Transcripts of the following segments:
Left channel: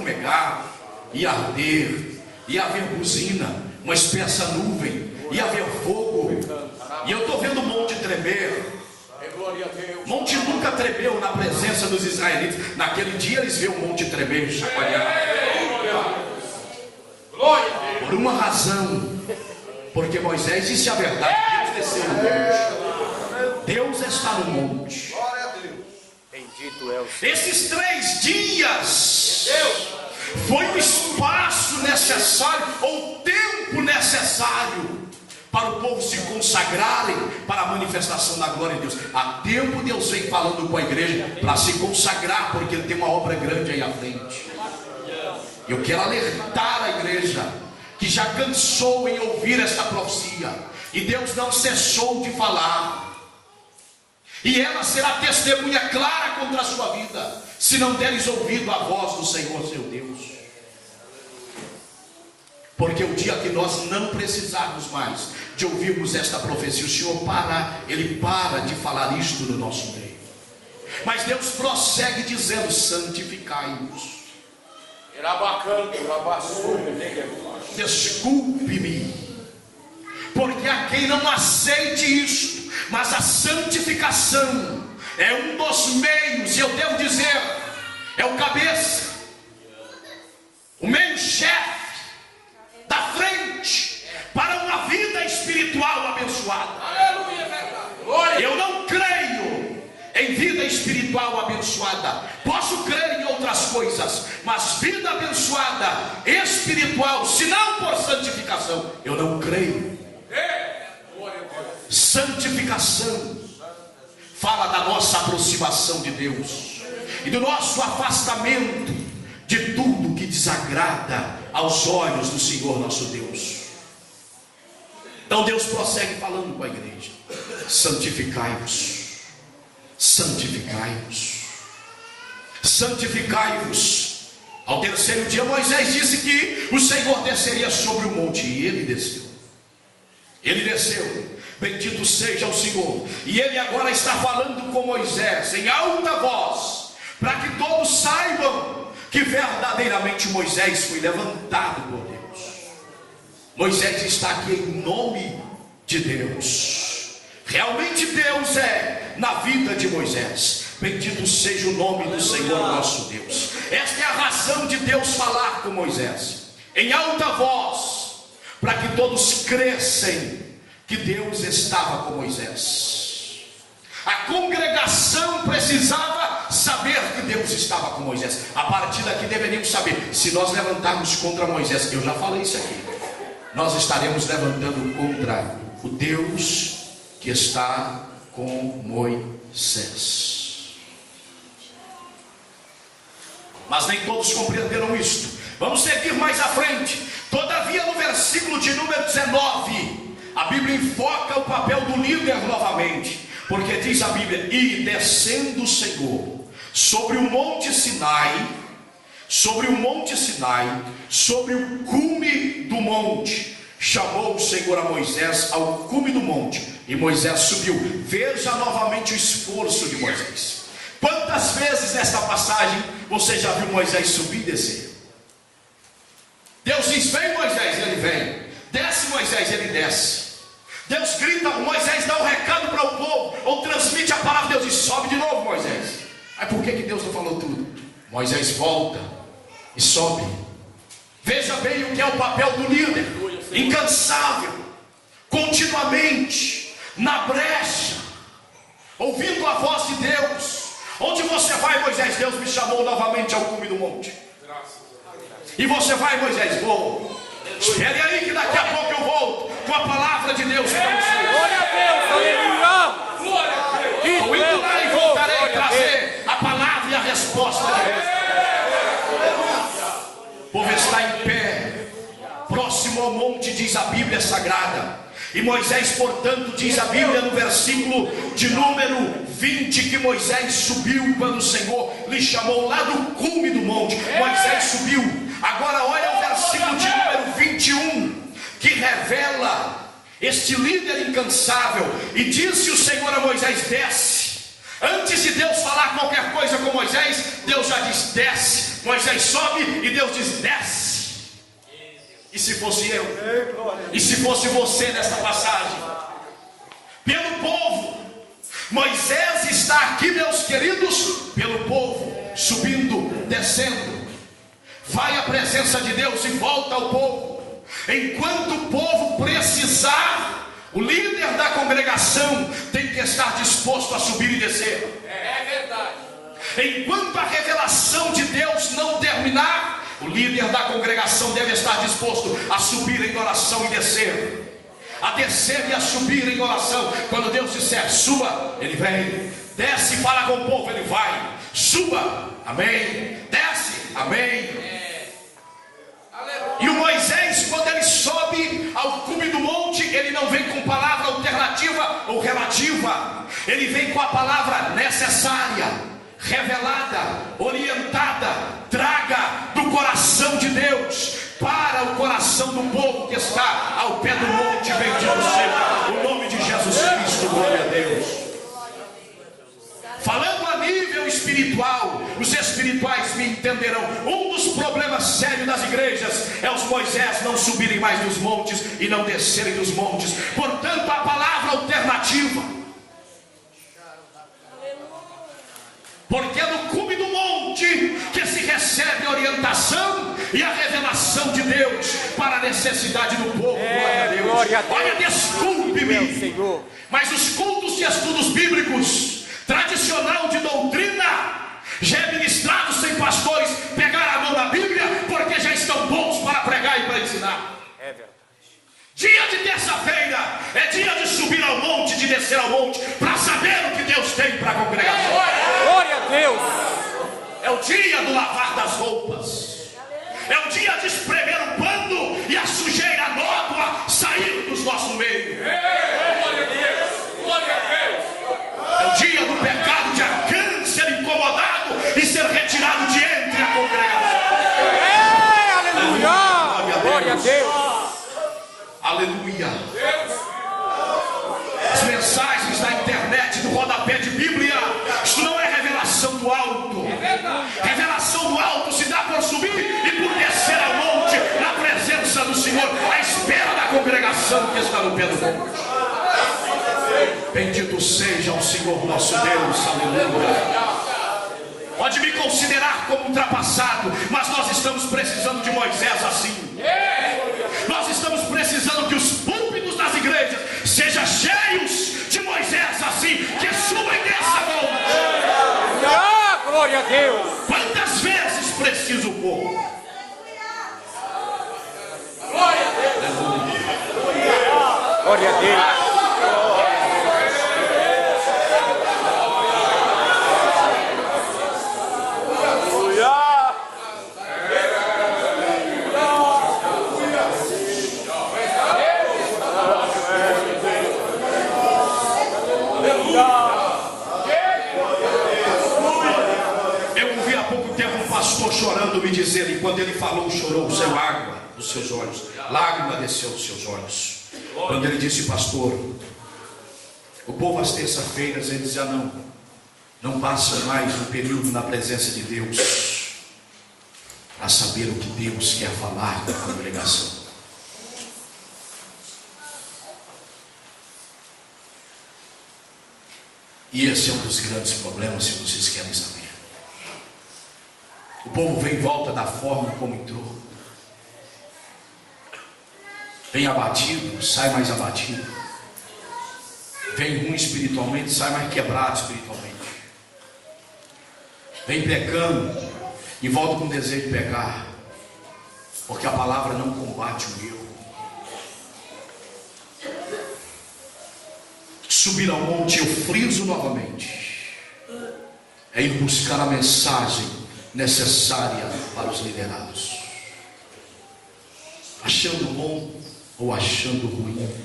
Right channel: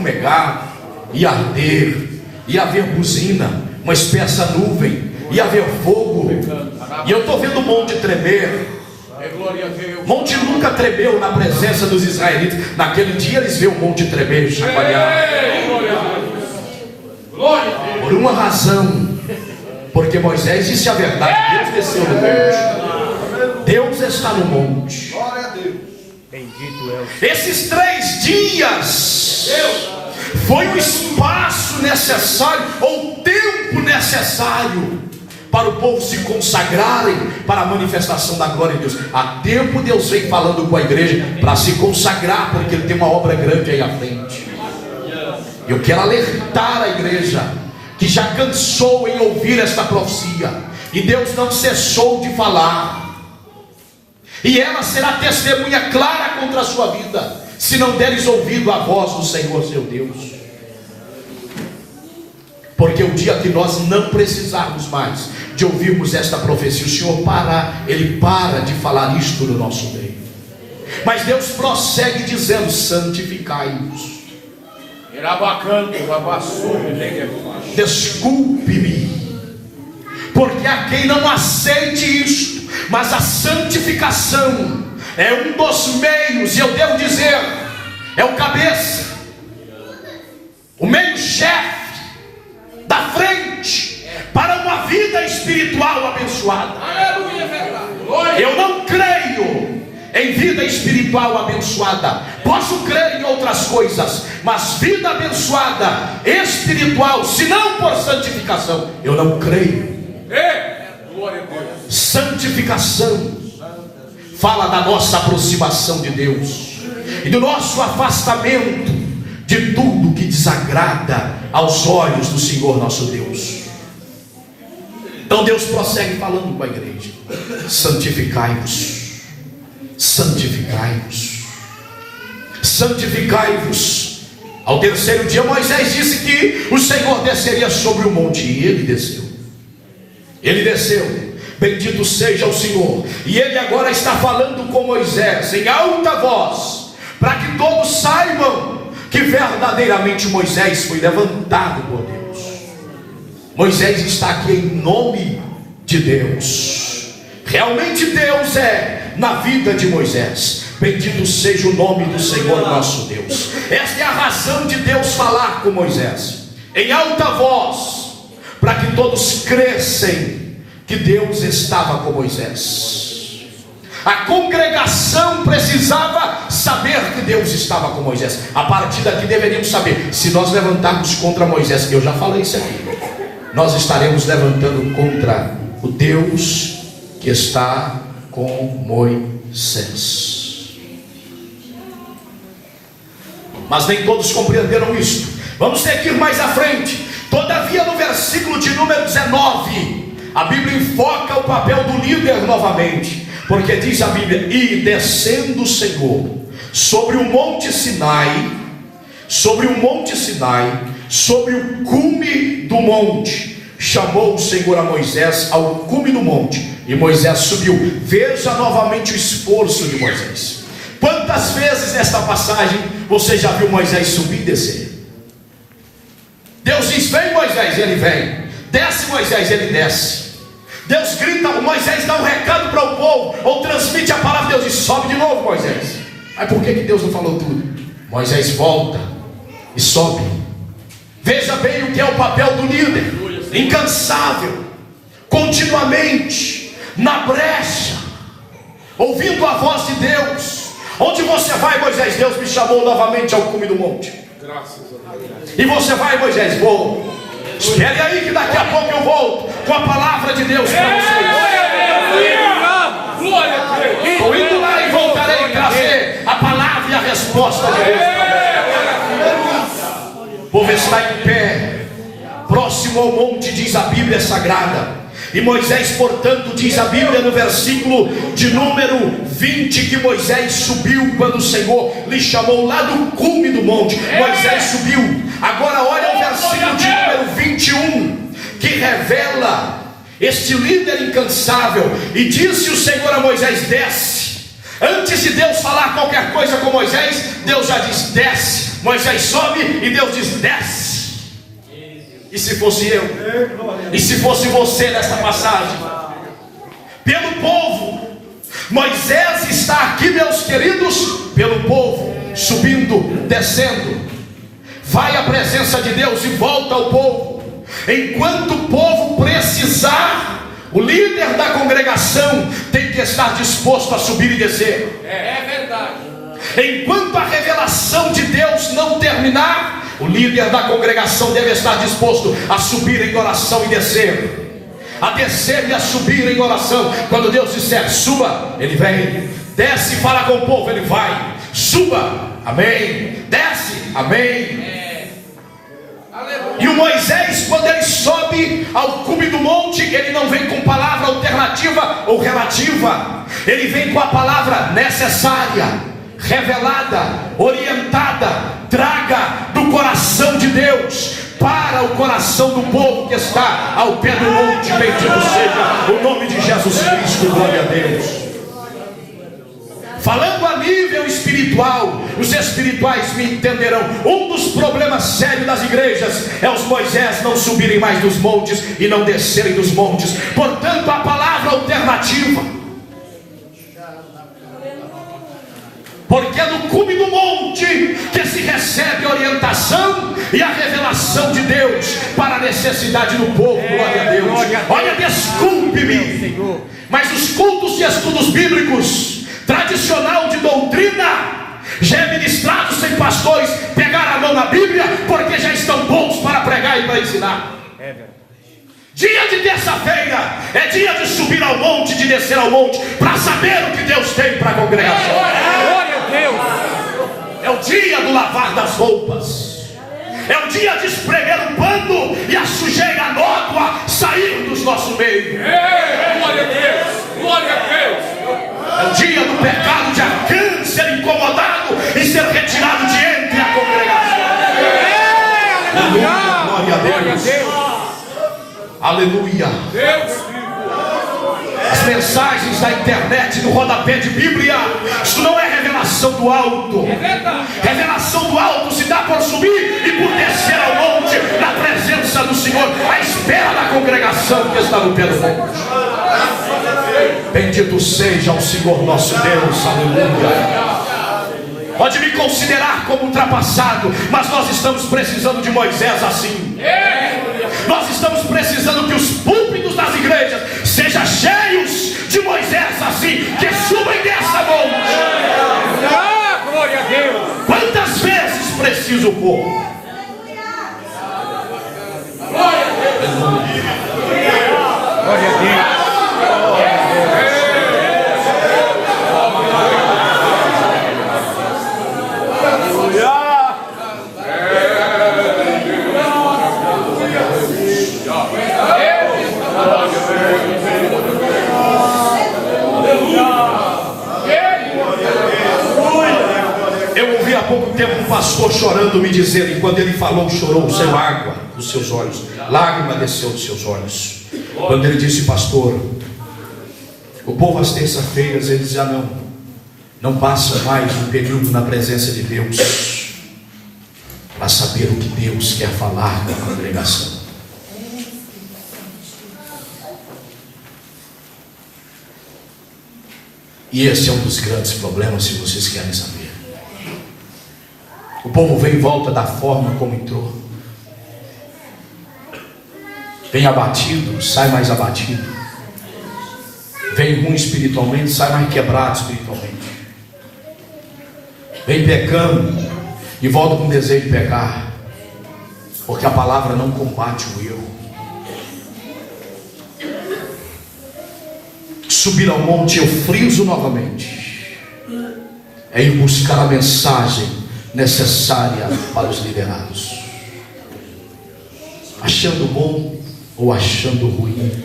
fumegar, ia arder, ia haver buzina, uma espessa nuvem, ia haver fogo. E eu estou vendo o monte tremer. O monte nunca tremeu na presença dos israelitas. Naquele dia eles viram o monte tremer, chacoalhar. Por uma razão, porque Moisés disse a verdade. Deus desceu no monte. Deus está no monte. Esses 3 dias foi o espaço necessário, ou o tempo necessário, para o povo se consagrarem para a manifestação da glória de Deus. Há tempo Deus vem falando com a igreja para se consagrar, porque Ele tem uma obra grande aí à frente. Eu quero alertar a igreja que já cansou em ouvir esta profecia, e Deus não cessou de falar, e ela será testemunha clara contra a sua vida, se não deres ouvido a voz do Senhor seu Deus. Porque o dia que nós não precisarmos mais de ouvirmos esta profecia, o Senhor Ele para de falar isto no nosso meio. Mas Deus prossegue dizendo: santificai-vos. Desculpe-me, porque há quem não aceite isto, mas a santificação é um dos meios, e eu devo dizer, é o cabeça, o meio-chefe da frente para uma vida espiritual abençoada. Aleluia, verdade. Eu não creio em vida espiritual abençoada. Posso crer em outras coisas, mas vida abençoada espiritual, se não por santificação, eu não creio. Glória a Deus. Santificação fala da nossa aproximação de Deus e do nosso afastamento de tudo que desagrada aos olhos do Senhor nosso Deus. Então Deus prossegue falando com a igreja: santificai-vos, santificai-vos, santificai-vos. Ao 3º dia Moisés disse que o Senhor desceria sobre o monte, e ele desceu. Ele desceu. Bendito seja o Senhor. E ele agora está falando com Moisés em alta voz, para que todos saibam que verdadeiramente Moisés foi levantado por Deus. Moisés está aqui em nome de Deus. Realmente Deus é na vida de Moisés. Bendito seja o nome do Senhor nosso Deus. Esta é a razão de Deus falar com Moisés em alta voz, para que todos crescem que Deus estava com Moisés. A congregação precisava saber que Deus estava com Moisés. A partir daqui deveríamos saber: se nós levantarmos contra Moisés, eu já falei isso aqui, nós estaremos levantando contra o Deus que está com Moisés. Mas nem todos compreenderam isto. Vamos seguir mais à frente. Todavia, no versículo de número 19, a Bíblia enfoca o papel do líder novamente, porque diz a Bíblia: e descendo o Senhor sobre o monte Sinai, sobre o cume do monte, chamou o Senhor a Moisés ao cume do monte, e Moisés subiu. Veja novamente o esforço de Moisés. Quantas vezes nesta passagem você já viu Moisés subir e descer? Deus diz: vem Moisés, ele vem. Desce Moisés, ele desce. Deus grita, Moisés dá um recado para o povo, ou transmite a palavra, Deus diz: sobe de novo Moisés. Mas por que Deus não falou tudo? Moisés volta e sobe. Veja bem o que é o papel do líder: incansável, continuamente na brecha, ouvindo a voz de Deus. Onde você vai, Moisés? Deus me chamou novamente ao cume do monte. Graças a Deus. E você vai, Moisés? Vou. Espere aí que daqui a pouco eu volto com a palavra de Deus para vocês. Glória a Deus. Estou indo lá e voltarei trazer a palavra e a resposta de Deus para vocês. O povo está em pé, próximo ao monte, diz a Bíblia Sagrada. E Moisés, portanto, diz a Bíblia no versículo de número 20, que Moisés subiu quando o Senhor lhe chamou lá do cume do monte. Moisés subiu. Agora olha o versículo de número 21, que revela este líder incansável. E disse o Senhor a Moisés: desce. Antes de Deus falar qualquer coisa com Moisés, Deus já diz: desce, Moisés sobe e Deus diz: desce. E se fosse eu? E se fosse você nesta passagem? Pelo povo. Moisés está aqui, meus queridos, pelo povo, subindo, descendo. Vai à presença de Deus e volta ao povo. Enquanto o povo precisar, o líder da congregação tem que estar disposto a subir e descer. É verdade. Enquanto a revelação de Deus não terminar, o líder da congregação deve estar disposto a subir em oração e descer. A descer e a subir em oração. Quando Deus disser suba, ele vem. Desce e fala com o povo, ele vai. Suba, amém. Desce, amém. E o Moisés, quando ele sobe ao cume do monte, ele não vem com palavra alternativa ou relativa. Ele vem com a palavra necessária, revelada, orientada, traga do coração de Deus para o coração do povo que está ao pé do monte. Bendito seja o nome de Jesus Cristo, glória a Deus. Falando a nível espiritual, os espirituais me entenderão. Um dos problemas sérios das igrejas é os Moisés não subirem mais dos montes e não descerem dos montes. Portanto, a palavra alternativa, porque é no cume do monte que se recebe a orientação e a revelação de Deus para a necessidade do povo, glória a Deus. Olha, desculpe-me, mas os cultos e estudos bíblicos tradicional de doutrina já é ministrado sem pastores pegar a mão na Bíblia, porque já estão bons para pregar e para ensinar. Dia de terça-feira é dia de subir ao monte, de descer ao monte, para saber o que Deus tem para a congregação. É o dia do lavar das roupas, é o dia de espremer o pano e a sujeira nódoa sair dos nossos meios. Glória a Deus, glória a Deus. É o dia do pecado de Acã ser incomodado e ser retirado de entre a congregação. Aleluia, glória a Deus. Aleluia. Deus vivo. As mensagens da internet, do rodapé de Bíblia, isso não é revelação do alto. É verdade. Revelação do alto se dá por subir e por descer ao monte, na presença do Senhor, à espera da congregação que está no pé do monte. Bendito seja o Senhor nosso Deus, aleluia. Pode me considerar como ultrapassado, mas nós estamos precisando de Moisés assim. Nós estamos precisando que os púlpitos das igrejas sejam cheios de Moisés assim, que suba e desça monte. Quantas vezes precisa o povo? Glória a Deus. Há pouco tempo um pastor chorando me dizendo, e quando ele falou, chorou, saiu água dos seus olhos, lágrima desceu dos seus olhos. Quando ele disse, pastor, o povo às terças-feiras, eles já não passam mais um período na presença de Deus para saber o que Deus quer falar com a congregação. E esse é um dos grandes problemas, se vocês querem saber. O povo vem em volta da forma como entrou. Vem abatido, sai mais abatido. Vem ruim espiritualmente, sai mais quebrado espiritualmente. Vem pecando e volta com desejo de pecar, porque a palavra não combate o erro. Subir ao monte, eu friso novamente, é ir buscar a mensagem necessária para os liderados, achando bom ou achando ruim,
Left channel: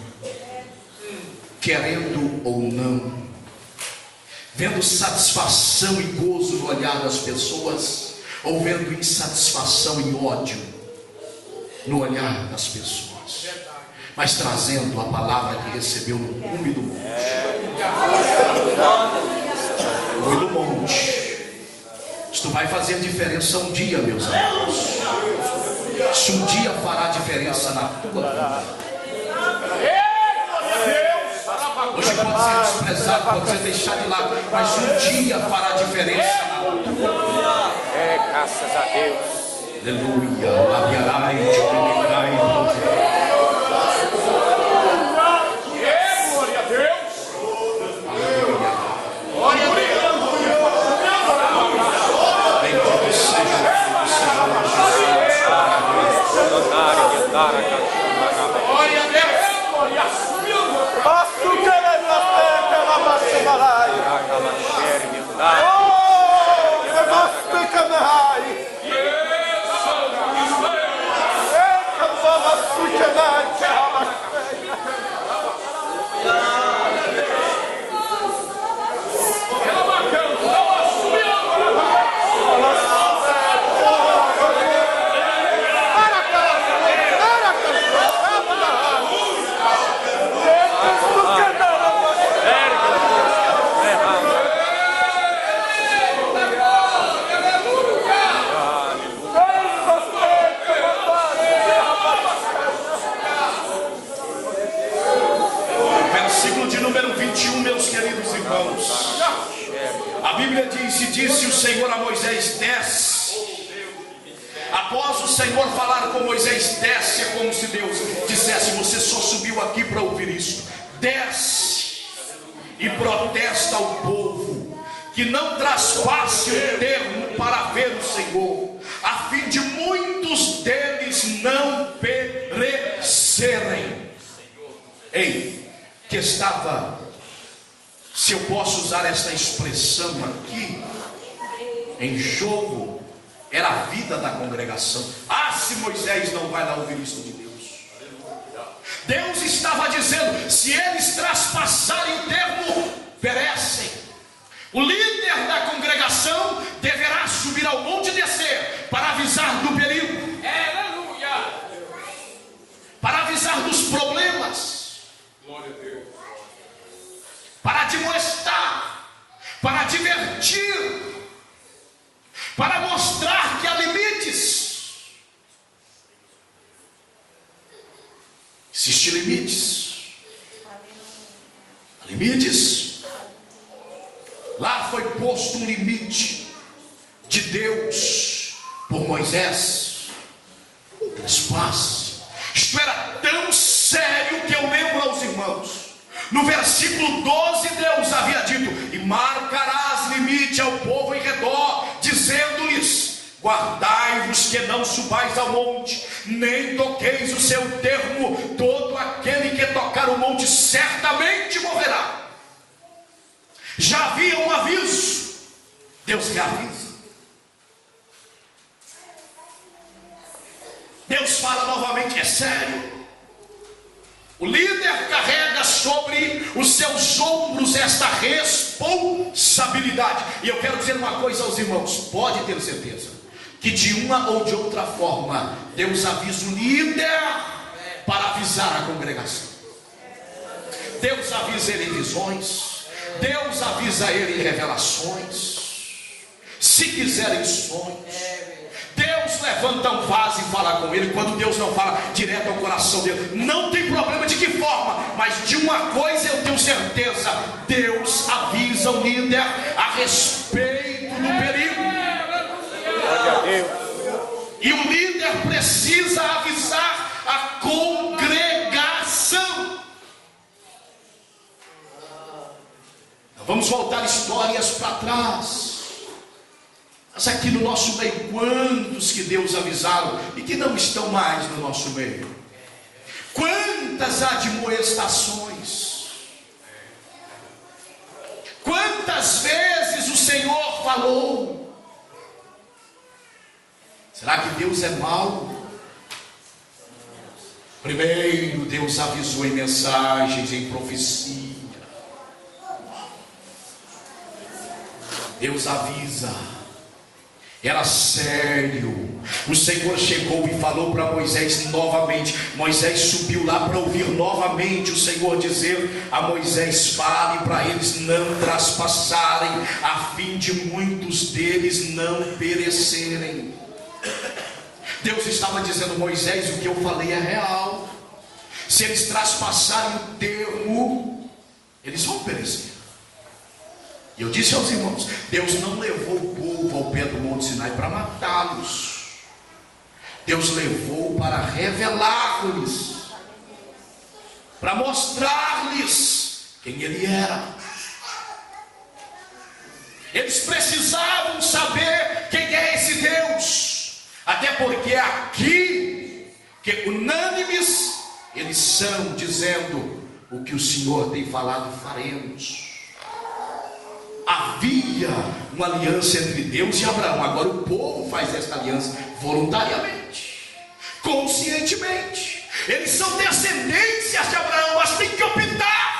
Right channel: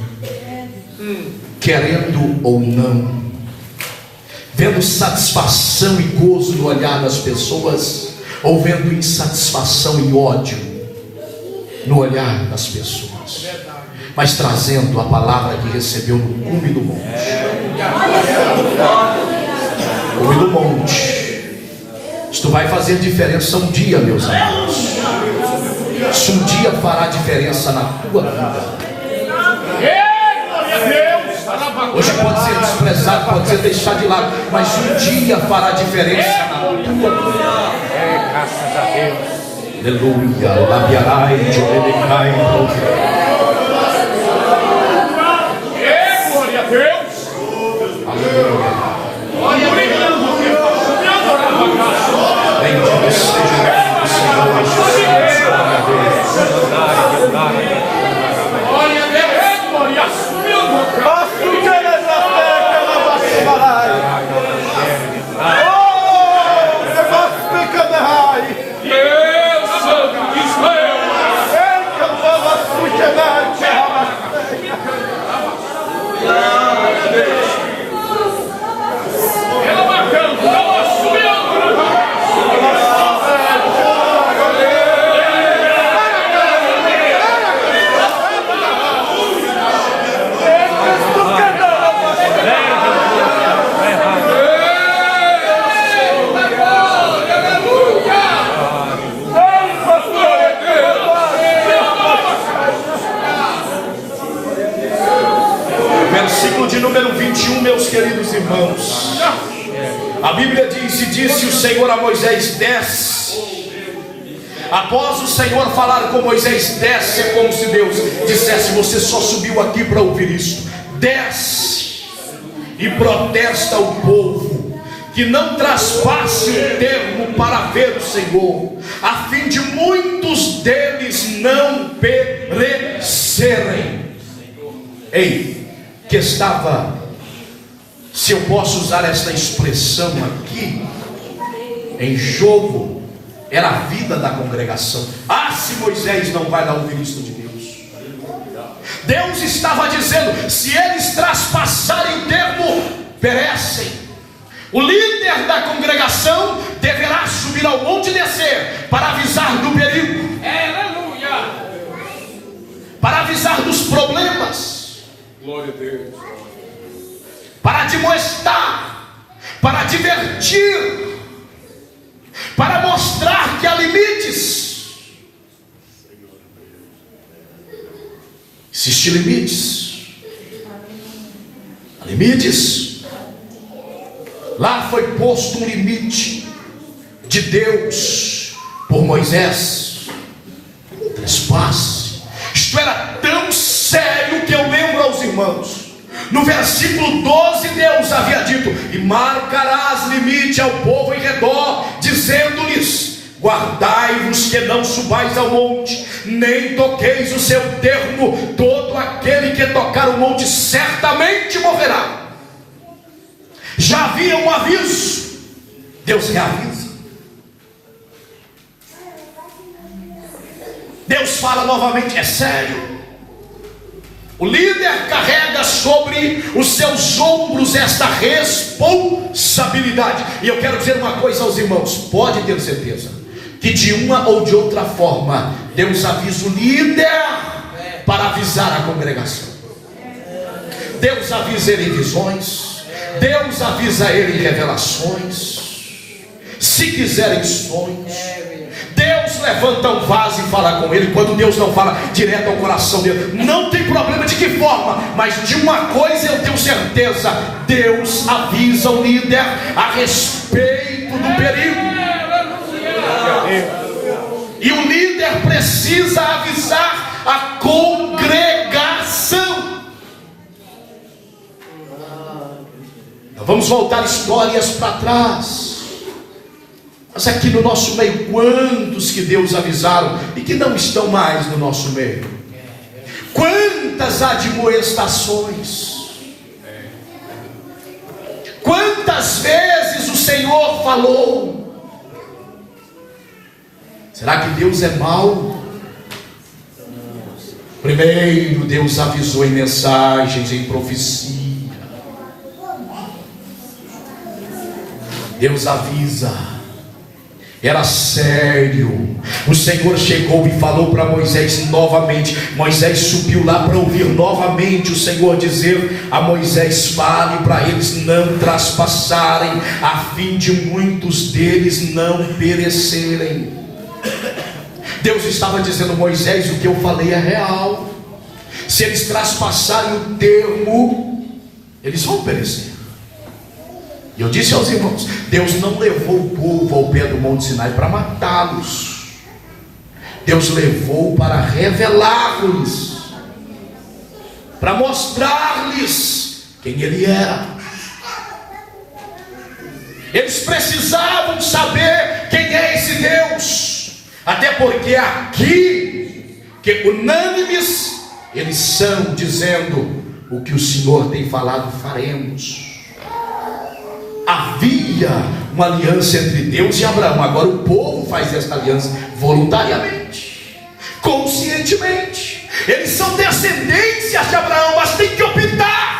querendo ou não, vendo satisfação e gozo no olhar das pessoas, ou vendo insatisfação e ódio no olhar das pessoas, mas trazendo a palavra que recebeu no cume do monte. Cume do monte. Isto vai fazer diferença um dia, meus amigos. Isso um dia fará diferença na tua vida. Hoje pode ser desprezado, pode ser deixado de lado, mas um dia fará diferença na tua vida. Aleluia. Labiarai, Jomelecai, aleluia. Glória a Deus. Bendito seja o nome do Senhor Jesus. Glória a Deus. Glória a Deus. Meu Santo de Israel. Versículo de número 21, meus queridos irmãos. A Bíblia diz: e disse o Senhor a Moisés: desce. Após o Senhor falar com Moisés, desce, é como se Deus dissesse: você só subiu aqui para ouvir isto. Desce e protesta o povo que não traspasse o termo para ver o Senhor, a fim de muitos deles não perecerem. Ei, que estava, se eu posso usar esta expressão aqui, em jogo, era a vida da congregação. Se Moisés não vai lá ouvir isso de Deus. Deus estava dizendo: se eles traspassarem o termo, perecem. O líder da congregação deverá subir ao monte e descer para avisar do perigo, Aleluia. para avisar dos problemas, Glória a Deus. para admoestar, para divertir, para mostrar que há limites. Existem limites. Há limites. Lá foi posto um limite de Deus por Moisés. Trespasse. Isto era tão sério que eu lembro aos irmãos. No versículo 12, Deus havia dito: e marcarás limite ao povo em redor, dizendo-lhes: guardai-vos que não subais ao monte, nem toqueis o seu termo. Todo aquele que tocar o monte certamente morrerá. Já havia um aviso. Deus reavisa. Deus fala novamente: é sério. O líder carrega sobre os seus ombros esta responsabilidade. E eu quero dizer uma coisa aos irmãos: pode ter certeza que de uma ou de outra forma Deus avisa o líder para avisar a congregação. Deus avisa ele em visões, Deus avisa ele em revelações, se quiser em sonhos. Deus levanta um vaso e fala com ele. Quando Deus não fala direto ao coração dele, não tem problema de que forma, mas de uma coisa eu tenho certeza: Deus avisa o líder a respeito do perigo. E o líder precisa avisar a congregação. Nós vamos voltar histórias para trás. Mas aqui no nosso meio, quantos que Deus avisaram e que não estão mais no nosso meio? Quantas admoestações? Quantas vezes o Senhor falou? Será que Deus é mau? Primeiro Deus avisou em mensagens, em profecia. Deus avisa. era sério. O Senhor chegou e falou para Moisés novamente. Moisés subiu lá para ouvir novamente o Senhor dizer a Moisés: fale para eles não traspassarem, a fim de muitos deles não perecerem. Deus estava dizendo: Moisés, o que eu falei é real. Se eles traspassarem o termo, eles vão perecer. E eu disse aos irmãos: Deus não levou o povo ao pé do Monte Sinai para matá-los. Deus levou para revelar-lhes, para mostrar-lhes quem Ele era. Eles precisavam saber quem é esse Deus, até porque aqui, que unânimes, eles são dizendo: o que o Senhor tem falado, faremos. Havia uma aliança entre Deus e Abraão. Agora o povo faz esta aliança voluntariamente, conscientemente. Eles são descendências de Abraão, mas tem que optar.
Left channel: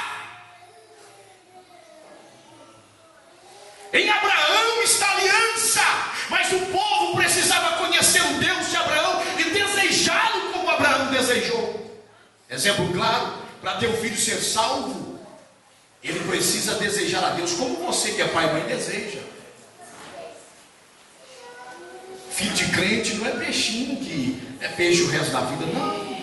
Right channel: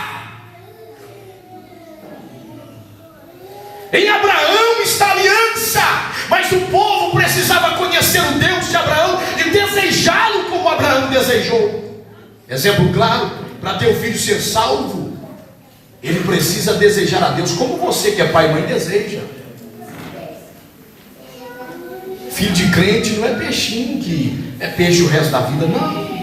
Em Abraão está a aliança, mas o povo precisava conhecer o Deus de Abraão e desejá-lo como Abraão desejou. Exemplo claro: para teu filho ser salvo, ele precisa desejar a Deus como você, que é pai e mãe, deseja. Filho de crente não é peixinho que é peixe o resto da vida, não.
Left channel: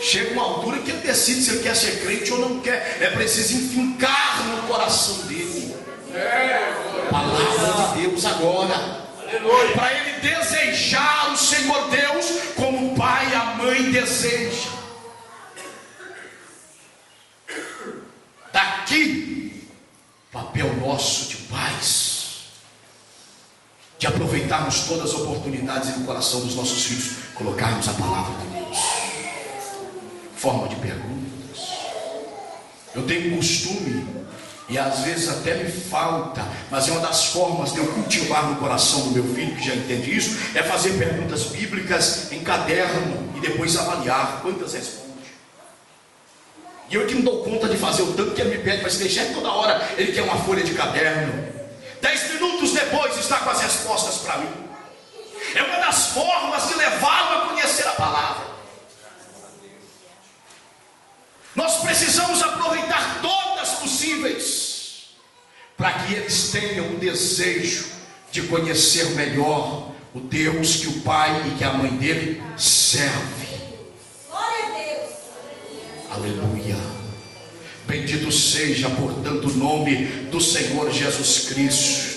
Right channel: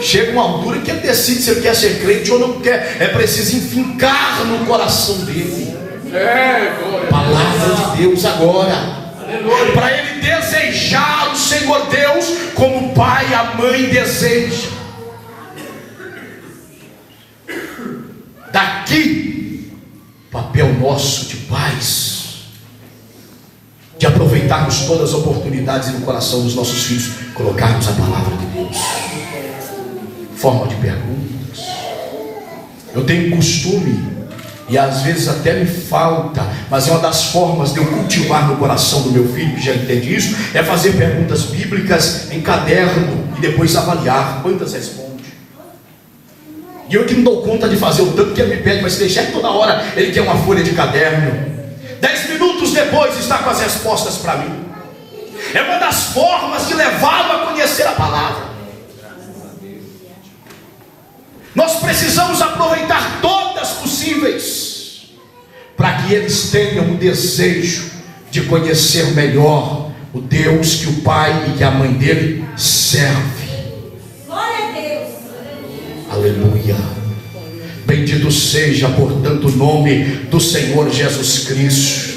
Chega uma altura que ele decide se ele quer ser crente ou não quer. É preciso enfincar no coração dele palavra de Deus agora, para ele desejar o Senhor Deus como o pai e a mãe desejam. Daqui, papel nosso de pais, de aproveitarmos todas as oportunidades no coração dos nossos filhos, colocarmos a palavra de Deus. Forma de perguntas. Eu tenho costume, e às vezes até me falta, mas é uma das formas de eu cultivar no coração do meu filho, que já entende isso, é fazer perguntas bíblicas em caderno e depois avaliar quantas respostas. E eu que não dou conta de fazer o tanto que ele me pede, mas se deixar toda hora, ele quer uma folha de caderno. 10 minutos depois está com as respostas para mim. É uma das formas de levá-lo a conhecer a palavra. Nós precisamos aproveitar todas possíveis, para que eles tenham o desejo de conhecer melhor o Deus que o pai e que a mãe dele serve. Aleluia. Bendito seja, portanto, o nome do Senhor Jesus Cristo.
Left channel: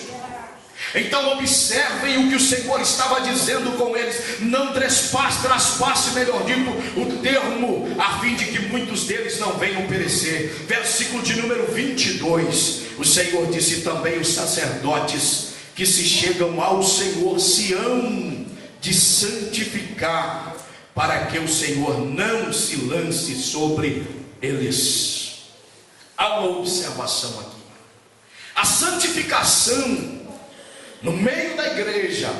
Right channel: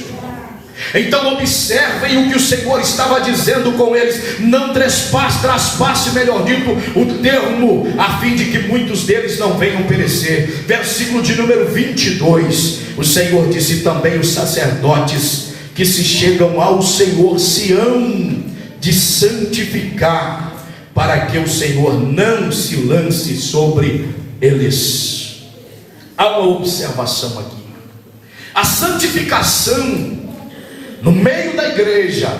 Então observem o que o Senhor estava dizendo com eles: não traspasse, melhor dito, o termo, a fim de que muitos deles não venham perecer. Versículo de número 22. O Senhor disse também: os sacerdotes que se chegam ao Senhor se hão de santificar, para que o Senhor não se lance sobre eles. Há uma observação aqui. A santificação no meio da igreja,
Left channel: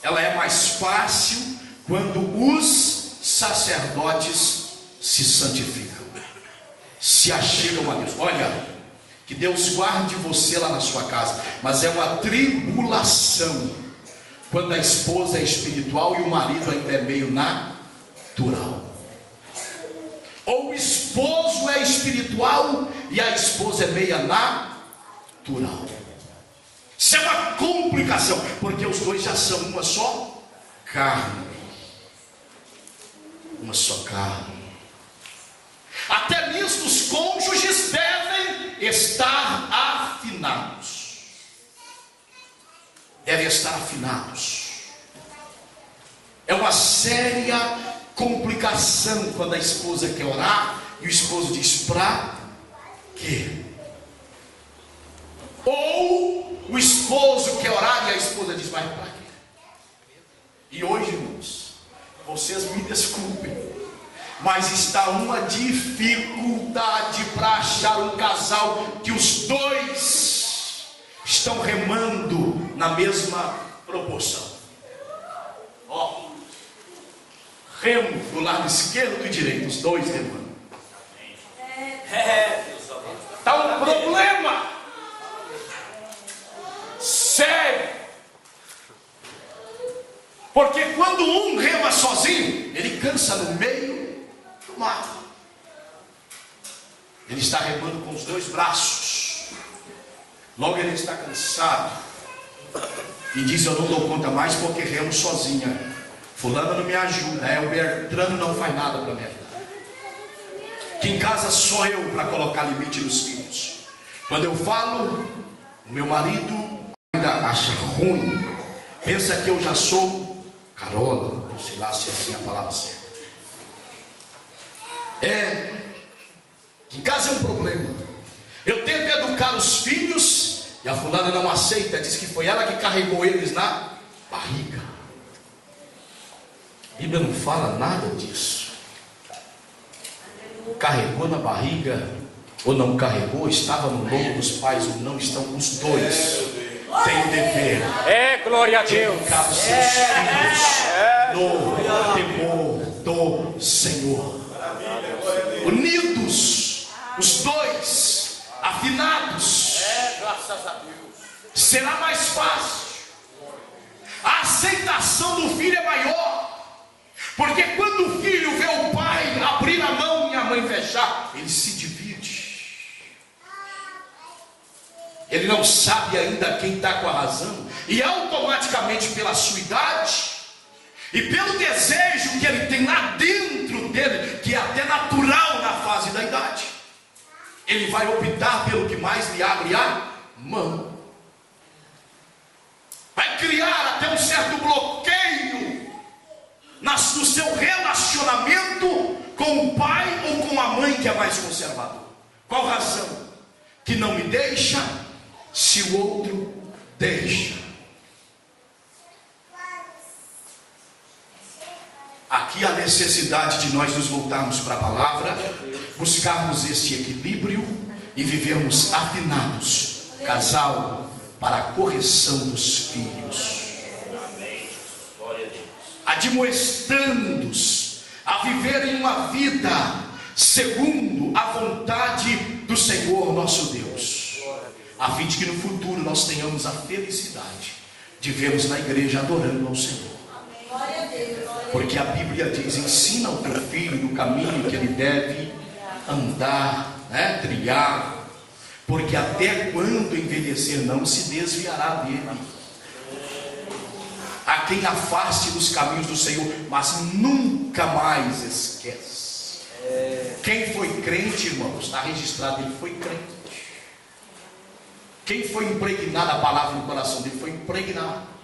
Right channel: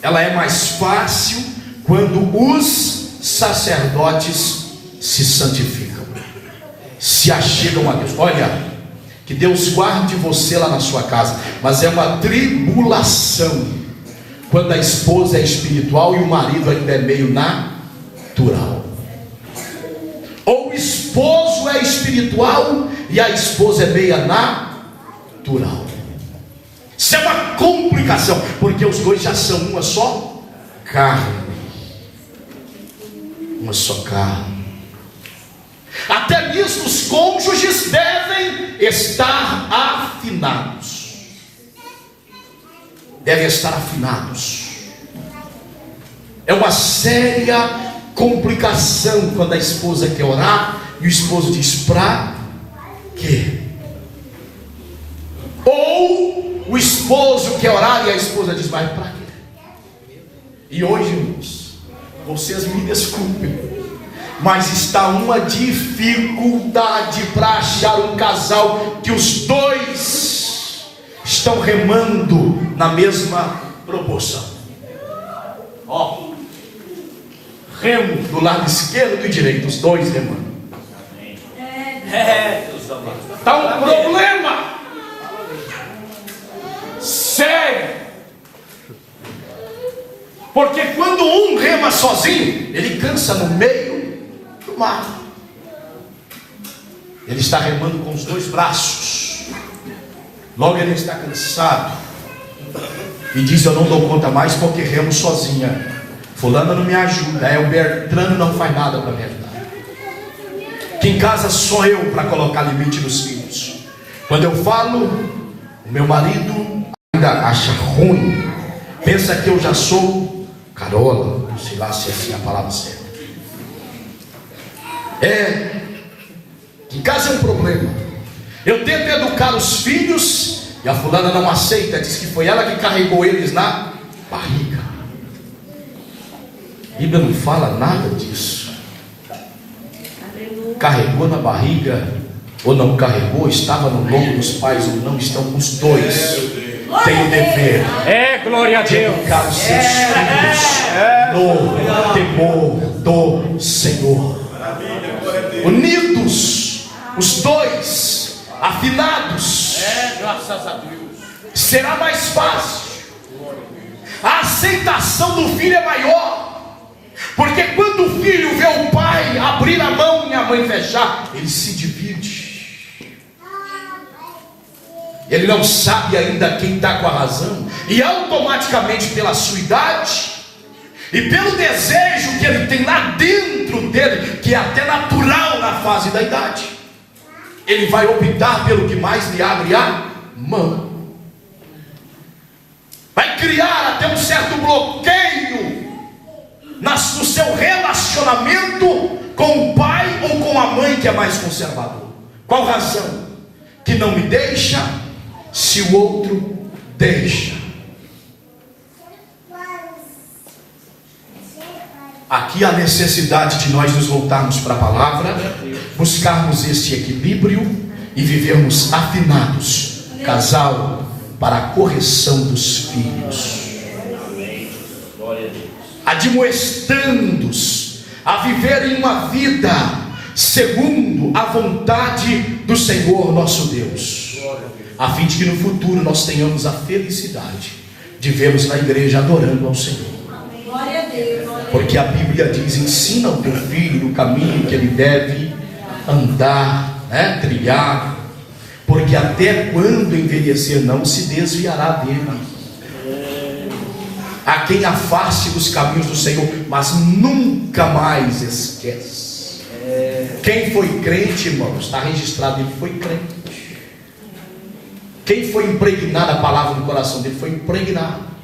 ela é mais fácil quando os sacerdotes se santificam, se achegam a Deus. Olha, que Deus guarde você lá na sua casa, mas é uma tribulação quando a esposa é espiritual e o marido ainda é meio natural. Ou o esposo é espiritual e a esposa é meia natural. Isso é uma complicação, porque os dois já são uma só carne. Uma só carne. Até nisso os cônjuges devem estar afinados. Devem estar afinados. É uma séria complicação quando a esposa quer orar e o esposo diz: pra quê? Ou o esposo quer orar e a esposa diz: vai pra quê? E hoje, irmãos, vocês me desculpem, mas está uma dificuldade para achar um casal que os dois estão remando na mesma proporção. Ó, remo do lado esquerdo e direito, os dois remando. Está um problema sério Porque quando um rema sozinho, ele cansa no meio do mar. Ele está remando com os dois braços. Logo ele está cansado e diz: eu não dou conta mais porque remo sozinha. Fulano não me ajuda, o Bertrano não faz nada para me ajudar. Que em casa sou eu para colocar limite nos filhos. Quando eu falo, o meu marido ainda acha ruim. Pensa que eu já sou carola, não sei lá se é assim a palavra certa. Em casa é um problema. Eu tento educar os filhos e a fulana não aceita. Diz que foi ela que carregou eles na barriga. A Bíblia não fala nada disso. Carregou na barriga ou não carregou, estava no lombo dos pais ou não, estão os dois. Tem o dever de educar os seus filhos no temor do Senhor. Unidos, os dois, afinados, será mais fácil. A aceitação do filho é maior. Porque quando o filho vê o pai abrir a mão e a mãe fechar, ele se divide. Ele não sabe ainda quem está com a razão. E automaticamente pela sua idade e pelo desejo que ele tem lá dentro dele, que é até natural na fase da idade, ele vai optar pelo que mais lhe abre a mão. Vai criar até um certo bloqueio no seu relacionamento com o pai ou com a mãe que é mais conservador. Qual razão? Que não me deixa se o outro deixa. Aqui há necessidade de nós nos voltarmos para a palavra, buscarmos esse equilíbrio e vivermos afinados, casal, para a correção dos filhos. Admoestando-os a viverem uma vida segundo a vontade do Senhor nosso Deus, a fim de que no futuro nós tenhamos a felicidade de vê-los na igreja adorando ao Senhor. Porque a Bíblia diz: ensina o teu filho no caminho que ele deve andar, trilhar, porque até quando envelhecer não se desviará dele. A quem afaste dos caminhos do Senhor, mas nunca mais esquece. Quem foi crente, irmãos, está registrado, ele foi crente. Quem foi impregnado, a palavra no coração dele foi impregnado.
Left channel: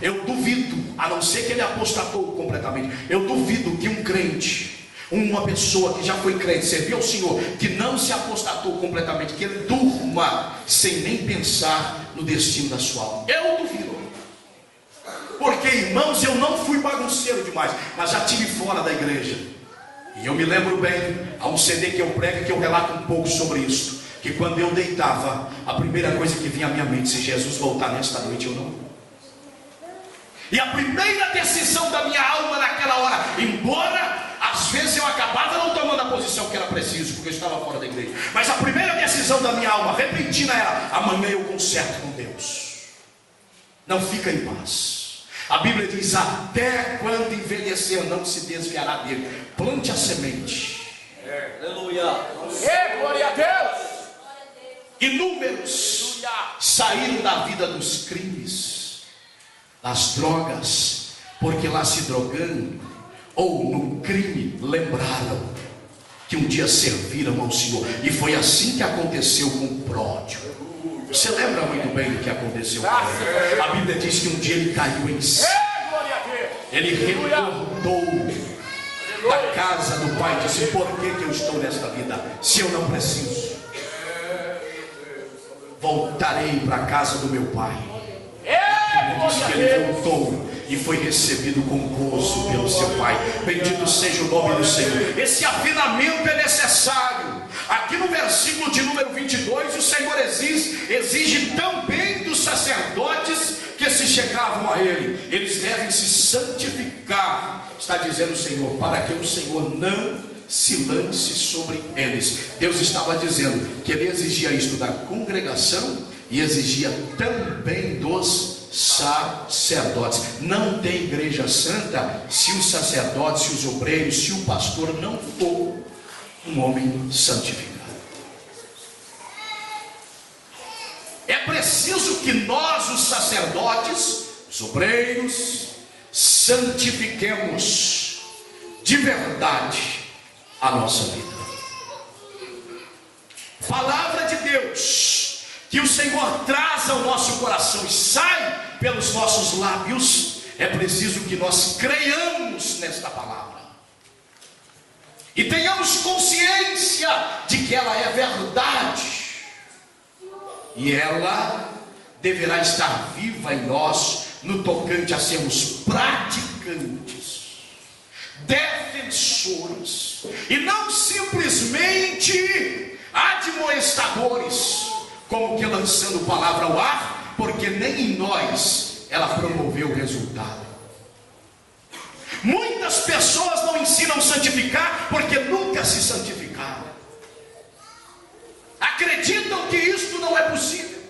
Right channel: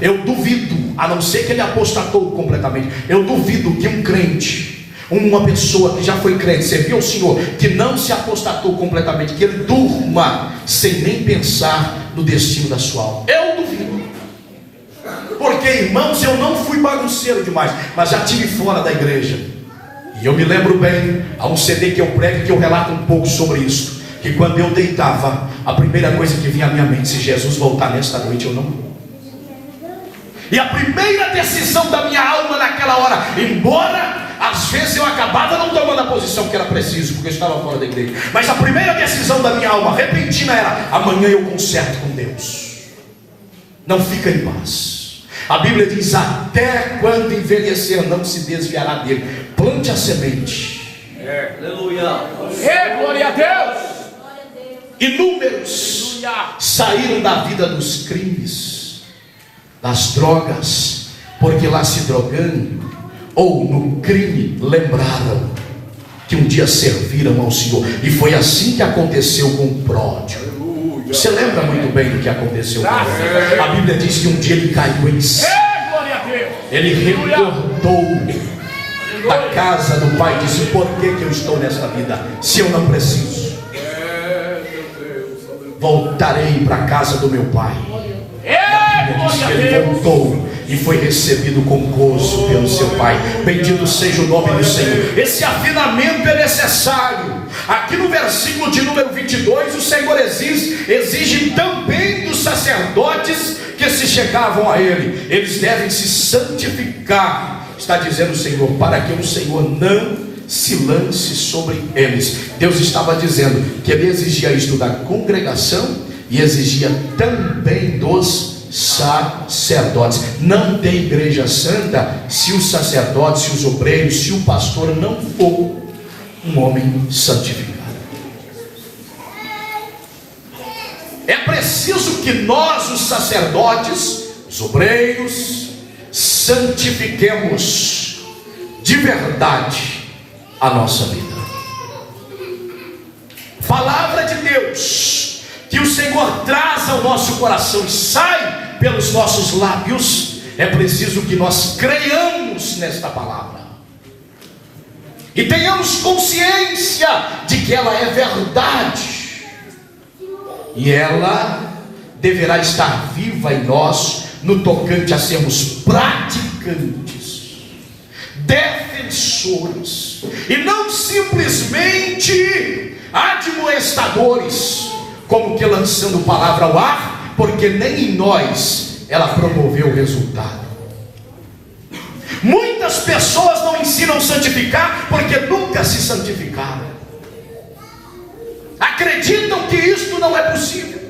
Eu duvido, a não ser que ele apostatou completamente, eu duvido que um crente, uma pessoa que já foi crente, serviu ao Senhor, que não se apostatou completamente, que ele durma sem nem pensar no destino da sua alma. Eu duvido. Porque, irmãos, eu não fui bagunceiro demais, mas já estive fora da igreja. E eu me lembro bem, há um CD que eu prego que eu relato um pouco sobre isso, que quando eu deitava, a primeira coisa que vinha à minha mente: se Jesus voltar nesta noite, eu não vou. E a primeira decisão da minha alma naquela hora, embora às vezes eu acabava não tomando a posição que era preciso, porque eu estava fora da igreja, mas a primeira decisão da minha alma repentina era: amanhã eu conserto com Deus. Não fica em paz. A Bíblia diz: até quando envelhecer não se desviará dele. Plante a semente. Glória a Deus. Inúmeros saíram da vida dos crimes, das drogas, porque lá se drogando ou no crime lembraram que um dia serviram ao Senhor. E foi assim que aconteceu com o pródigo. Você lembra muito bem do que aconteceu com ele. A Bíblia diz que um dia ele caiu em si. Ele recordou da casa do pai e disse: por que eu estou nesta vida, se eu não preciso? Voltarei para a casa do meu pai. E a Bíblia diz que ele voltou e foi recebido com gozo pelo seu pai. Bendito seja o nome do Senhor. Esse afinamento é necessário. Aqui no versículo de número 22, o Senhor exige também dos sacerdotes que se chegavam a ele. Eles devem se santificar, está dizendo o Senhor, para que o Senhor não se lance sobre eles. Deus estava dizendo que ele exigia isto da congregação e exigia também dos sacerdotes. Não tem igreja santa se os sacerdotes, se os obreiros, se o pastor não for um homem santificado. É preciso que nós, os sacerdotes, os obreiros, santifiquemos de verdade a nossa vida. Palavra de Deus que o Senhor traz ao nosso coração e sai pelos nossos lábios, é preciso que nós creiamos nesta palavra e tenhamos consciência de que ela é verdade, e ela deverá estar viva em nós no tocante a sermos praticantes, defensores, e não simplesmente admoestadores, como que lançando palavra ao ar, porque nem em nós ela promoveu o resultado. Muitas pessoas não ensinam a santificar porque nunca se santificaram. Acreditam que isto não é possível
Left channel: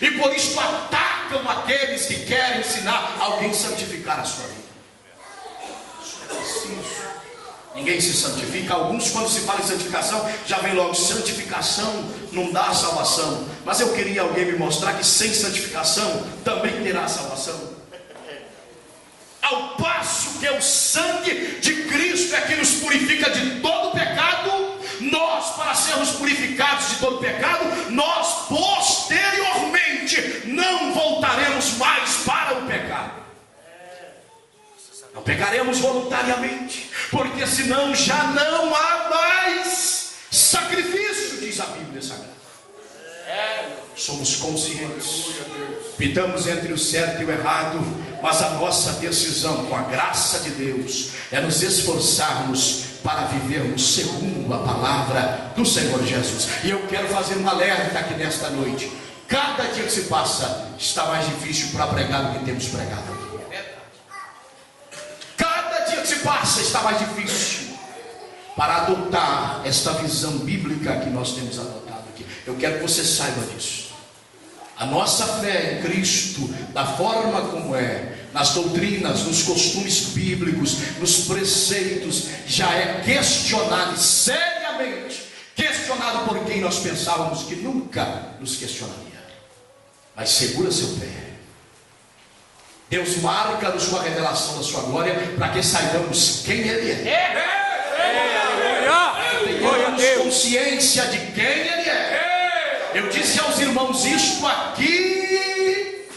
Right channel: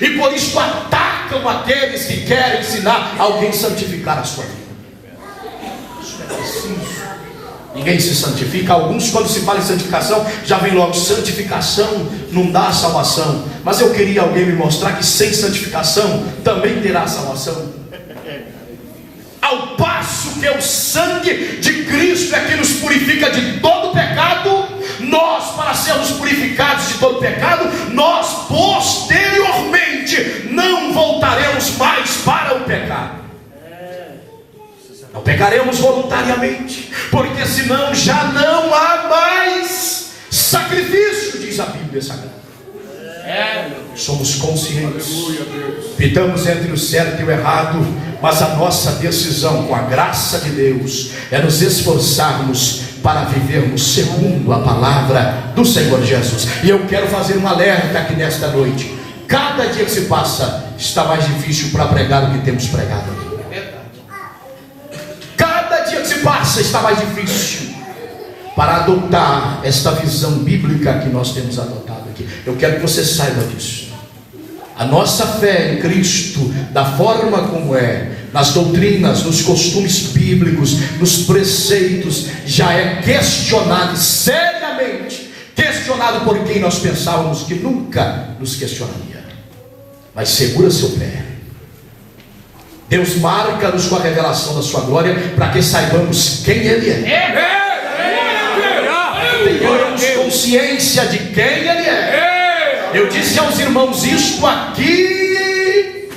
e por isso atacam aqueles que querem ensinar alguém a santificar a sua vida. Isso é preciso. Ninguém se santifica. Alguns, quando se fala em santificação, já vem logo: santificação não dá salvação. Mas eu queria alguém me mostrar que sem santificação também terá salvação. Ao passo que o sangue de Cristo é que nos purifica de todo pecado, nós, para sermos purificados de todo pecado, nós posteriormente não voltaremos mais para o pecado. Não pecaremos voluntariamente, porque senão já não há mais sacrifício, diz a Bíblia Sagrada. Somos conscientes, pitamos entre o certo e o errado, mas a nossa decisão, com a graça de Deus, é nos esforçarmos para vivermos segundo a palavra do Senhor Jesus. E eu quero fazer um alerta aqui nesta noite: cada dia que se passa está mais difícil para pregar o que temos pregado aqui. Se passa, está mais difícil para adotar esta visão bíblica que nós temos adotado aqui. Eu quero que você saiba disso. A nossa fé em Cristo, da forma como é, nas doutrinas, nos costumes bíblicos, nos preceitos, já é questionado seriamente, questionado por quem nós pensávamos que nunca nos questionaria. Mas segura seu pé. Deus marca-nos com a revelação da sua glória, para que saibamos quem Ele é. Tenhamos consciência de quem Ele é. Eu disse aos irmãos: isto aqui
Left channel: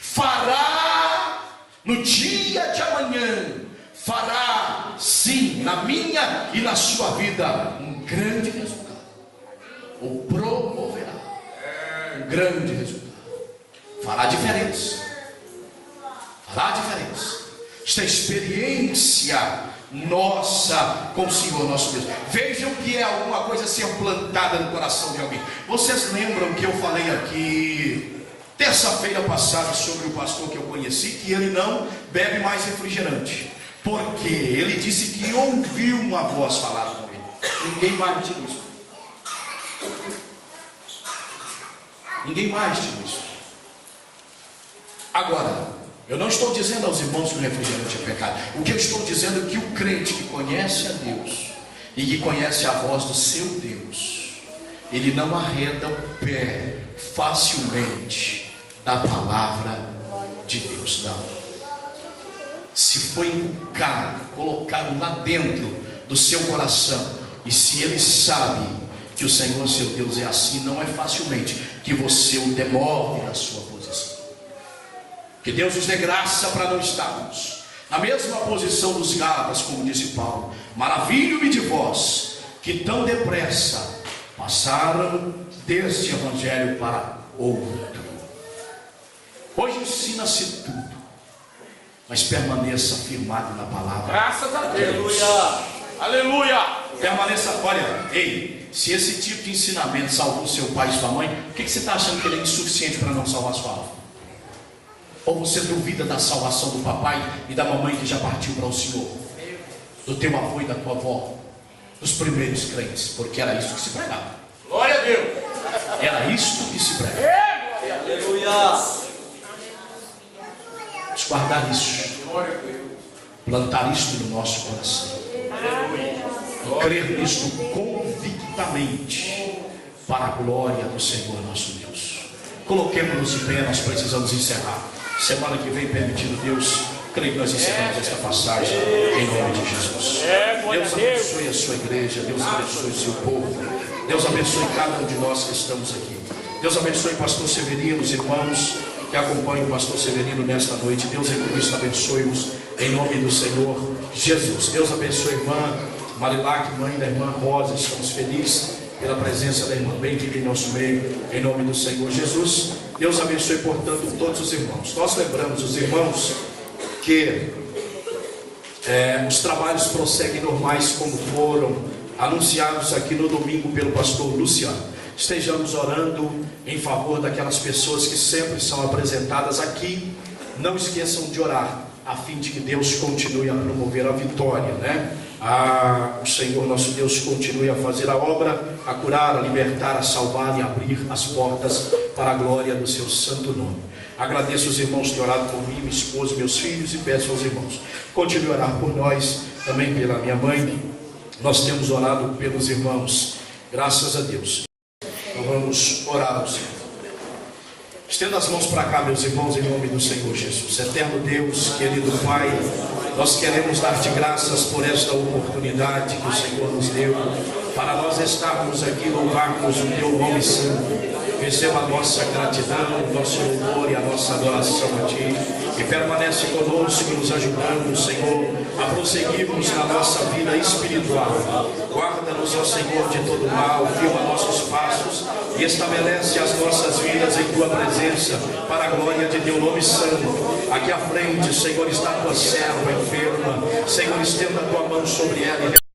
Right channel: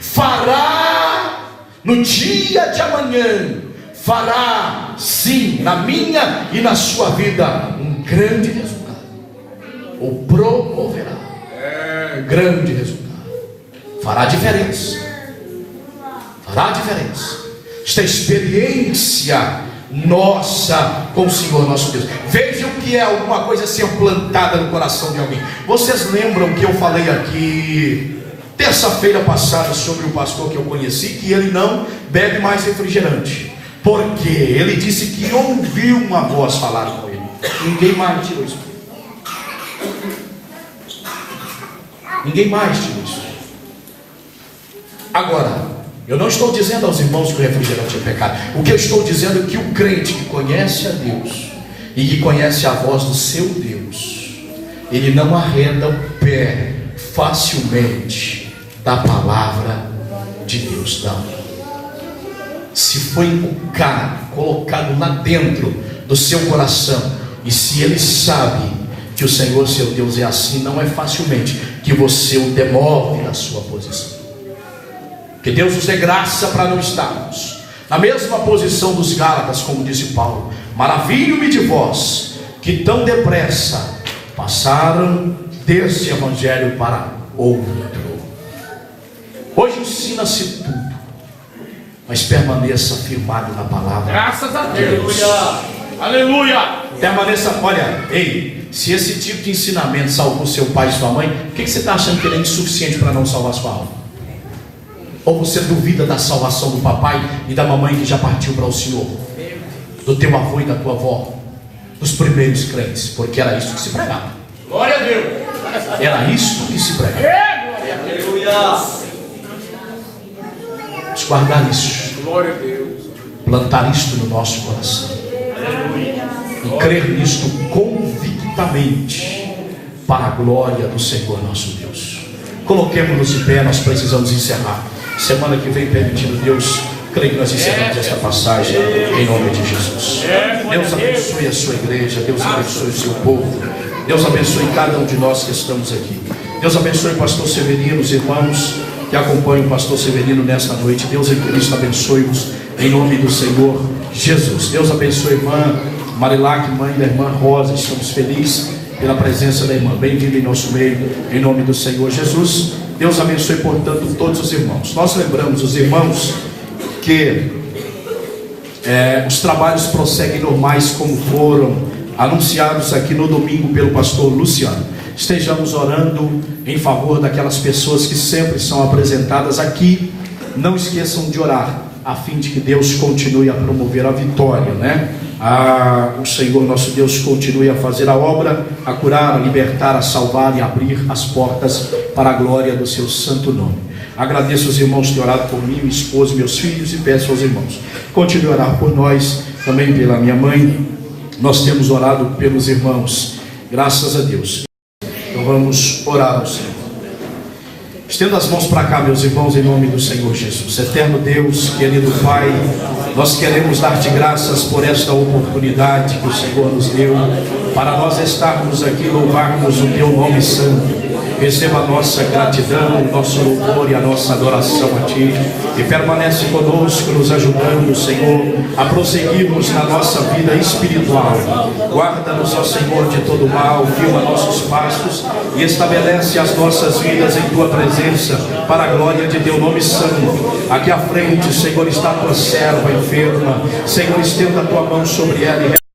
fará no dia de amanhã, fará sim na minha e na sua vida um grande resultado, ou promoverá um grande resultado, fará diferença. Fará diferença. Esta experiência nossa com o Senhor nosso Deus. Vejam que é alguma coisa ser plantada no coração de alguém. Vocês lembram que eu falei aqui terça-feira passada sobre o pastor que eu conheci, que ele não bebe mais refrigerante, porque ele disse que ouviu uma voz falar com ele. Ninguém mais tirou isso. Ninguém mais tirou isso. Agora, eu não estou dizendo aos irmãos que o refrigerante é pecado. O que eu estou dizendo é que o crente que conhece a Deus e que conhece a voz do seu Deus, ele não arreda o pé facilmente da palavra de Deus, não. Se foi colocado lá dentro do seu coração, e se ele sabe que o Senhor seu Deus é assim, não é facilmente que você o demove da sua posição. Que Deus nos dê graça para não estarmos na mesma posição dos Gálatas, como disse Paulo: maravilho-me de vós, que tão depressa passaram deste evangelho para outro. Hoje ensina-se tudo, mas permaneça firmado na palavra. Graças a de Deus. Aleluia. Permaneça. Olha, ei, se esse tipo de ensinamento salvou seu pai e sua mãe, por que você está achando que ele é insuficiente para não salvar sua alma? Ou você duvida da salvação do papai e da mamãe que já partiu para o Senhor, do teu avô e da tua avó, dos primeiros crentes? Porque era isso que se pregava. Glória a Deus. Era isto que se pregava. Vamos guardar isso. Glória a Deus. Plantar isto no nosso coração. E crer nisto convictamente, para a glória do Senhor nosso Deus. Coloquemos-nos de pé, nós precisamos encerrar. Semana que vem, permitindo Deus, creio que nós encerramos esta passagem em nome de Jesus. Deus abençoe a sua igreja, Deus abençoe o seu povo, Deus abençoe cada um de nós que estamos aqui. Deus abençoe o pastor Severino, os irmãos que acompanham o pastor Severino nesta noite. Deus em Cristo abençoe-os em nome do Senhor Jesus. Deus abençoe a irmã Marilac, mãe da irmã Rosa. Estamos felizes pela presença da irmã. Bem-vinda em nosso meio, em nome do Senhor Jesus. Deus abençoe, portanto, todos os irmãos. Nós lembramos os irmãos que os trabalhos prosseguem normais, como foram anunciados aqui no domingo pelo pastor Luciano. Estejamos orando em favor daquelas pessoas que sempre são apresentadas aqui. Não esqueçam de orar, a fim de que Deus continue a promover a vitória, né? O Senhor nosso Deus continue a fazer a obra, a curar, a libertar, a salvar e abrir as portas para a glória do seu santo nome. Agradeço os irmãos que oraram por mim, minha esposa, meus filhos, e peço aos irmãos, continue a orar por nós, também pela minha mãe. Nós temos orado pelos irmãos, graças a Deus. Então vamos orar ao Senhor. Estenda as mãos para cá, meus irmãos, em nome do Senhor Jesus. Eterno Deus, querido Pai, nós queremos dar-te graças por esta oportunidade que o Senhor nos deu, para nós estarmos aqui, louvarmos o teu nome santo. Receba a nossa gratidão, o nosso louvor e a nossa adoração a Ti, e permanece conosco, nos ajudando, Senhor, a prosseguirmos na nossa vida espiritual. Guarda-nos, ó Senhor, de todo mal, firma nossos passos e estabelece as nossas vidas em Tua presença, para a glória de Teu nome santo. Aqui à frente, Senhor, está a Tua serva enferma. Senhor, estenda a Tua mão sobre ela e